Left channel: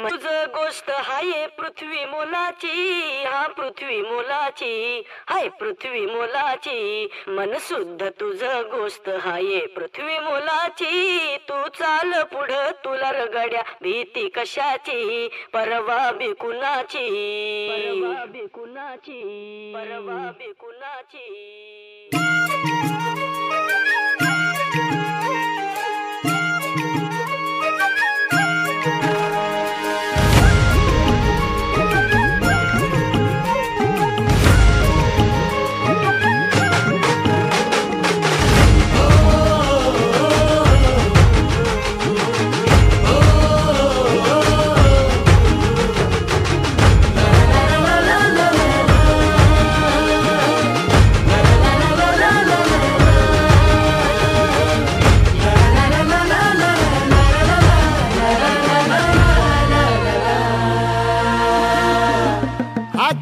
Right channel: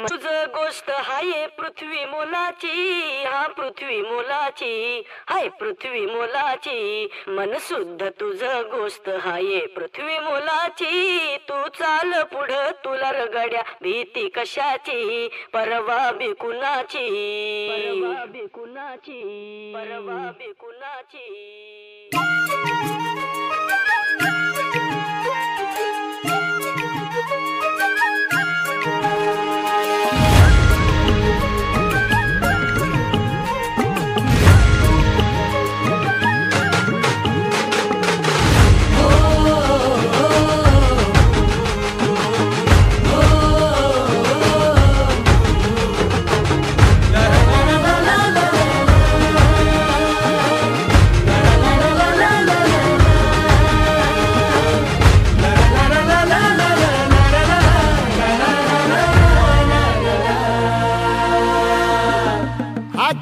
तुझ गोष्ट हाय पृथ्वी मोलाची, हा पृथ्वी मोलाची, हाय पृथ्वी मोलाची. मन शुद्ध तुझ गोष्ट हाय पृथ्वी मोलाची. तू चाल पुढं तुला रगड्या भीती कशाची, परवा बी कुणाची, परवा बी कुणाची, परवा बी कुणाची.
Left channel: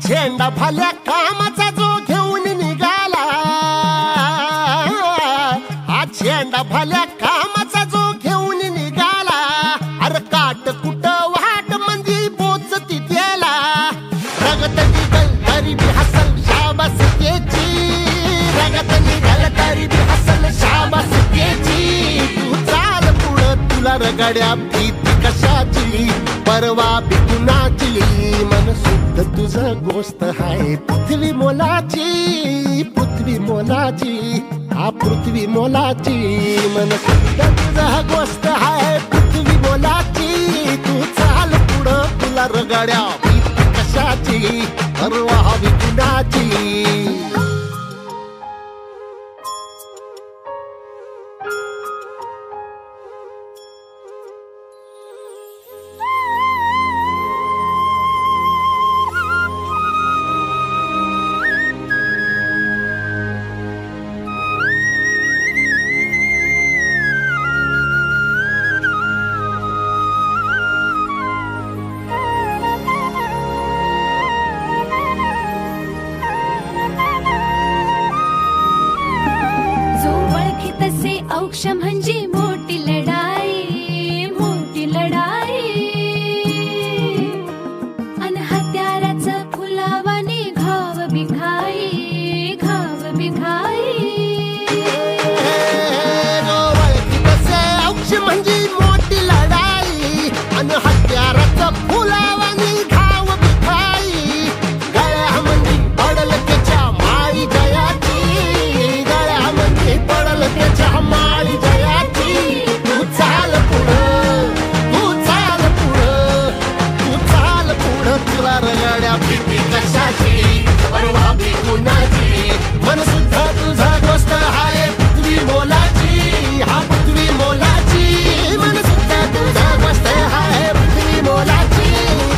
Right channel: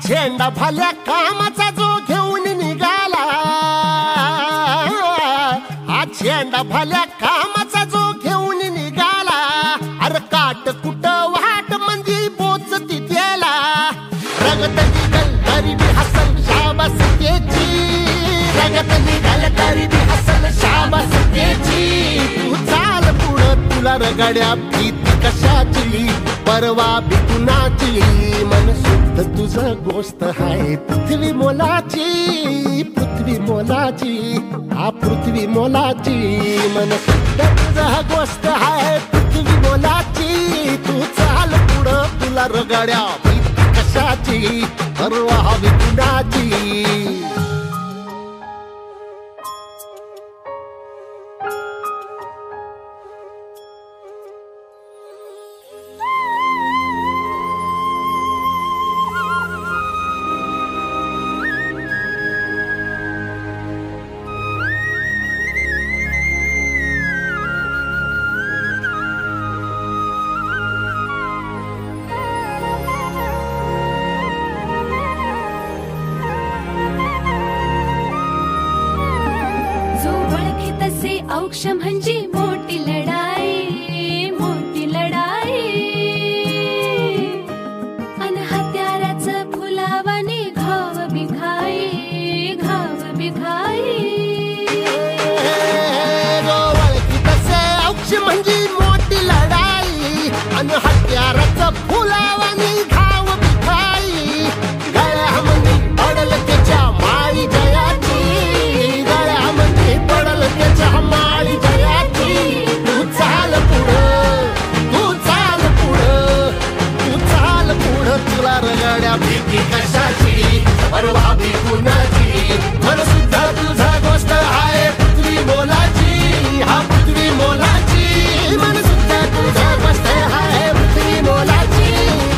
झेंडा भल्या कामाचा जो घेऊन निघाला, हा झेंडा भल्या कामाचा जो घेऊन निघाला. अरे काट कुट वाट म्हणजे पोचती त्याला, रगत निघल तरी बी हसल शाबास त्याची, रगत निघल तरी बी हसल शाबास त्याची. तू चाल पुढं तुला रगड्या भीती कशाची, परवा बी कुणाची. मन शुद्ध तुझं गोष्ट हाय पृथ्वी मोलाची, पृथ्वी मोलाची, हा पृथ्वी मोलाची. मन शुद्ध तुझं गोष्ट हाय पृथ्वी मोलाची. तू चाल पुढं तुला रगड्या भीती कशाची, परवा बी कुणाची. औक्ष म्हणजे मोठी लढाई, मोठी लढाई. अन हत्याराचं फुलावाने घाव बिघाई, घाव बिघाई. औक्ष म्हणजे मोठी लढाई, अन हत्याराचं फुलावाने घाव बिघाई. गळ्यामध्ये पडल त्याच्या माळी जयाची, गळ्यामध्ये पडल त्याच्या माळी जयाची. तू चाल पुढं, तू चाल पुढं, तू चाल पुढं तुला रगड्या भीती कशाची, परवा बी कुणाची. मन सुद्धा तुझा गोष्ट हाय पृथ्वी मोलाची, हा पृथ्वी मोलाची. मन सुद्धा तुझा गोष्ट हाय पृथ्वी मोलाची.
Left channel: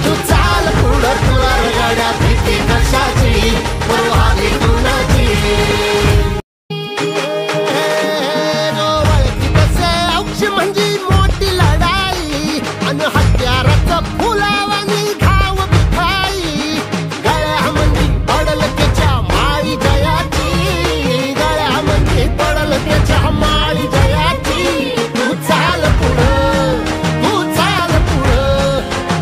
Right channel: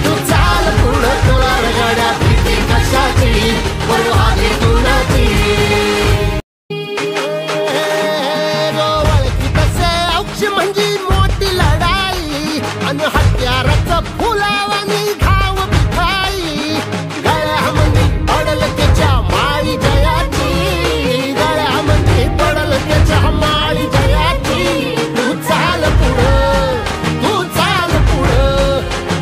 तू चाल पुढं तुला रगड्या भीती कशाची, परवा बी कुणाची. म्हणजे मोठी लढाई, अन हत्याराचं फुलावानी घाव बिघाई. गळ्यामध्ये पडल त्याच्या माळी जयाची, गळ्यामध्ये पडल त्याच्या माळी जयाची. तू चाल पुढं, तू चाल पुढं,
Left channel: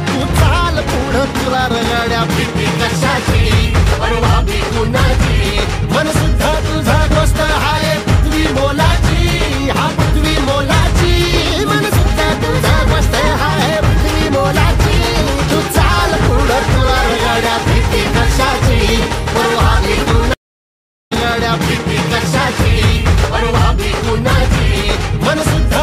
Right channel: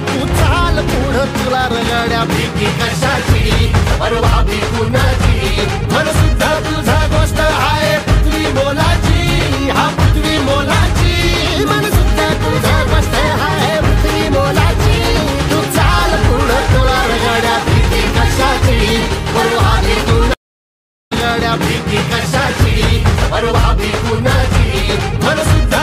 तू चाल पुढं तुला रगड्या भीती कशाची, परवा बी कुणाची. मन सुद्धा तुझा गोष्ट हाय पृथ्वी मोलाची, हा पृथ्वी मोलाची. मन सुद्धा तुझा गोष्ट हाय पृथ्वी मोलाची. तू चाल पुढं तुला रगड्या भीती कशाची, परवा बी कुणाची. रगड्या भीती कशाची, परवा बी कुणाची. मन सुद्धा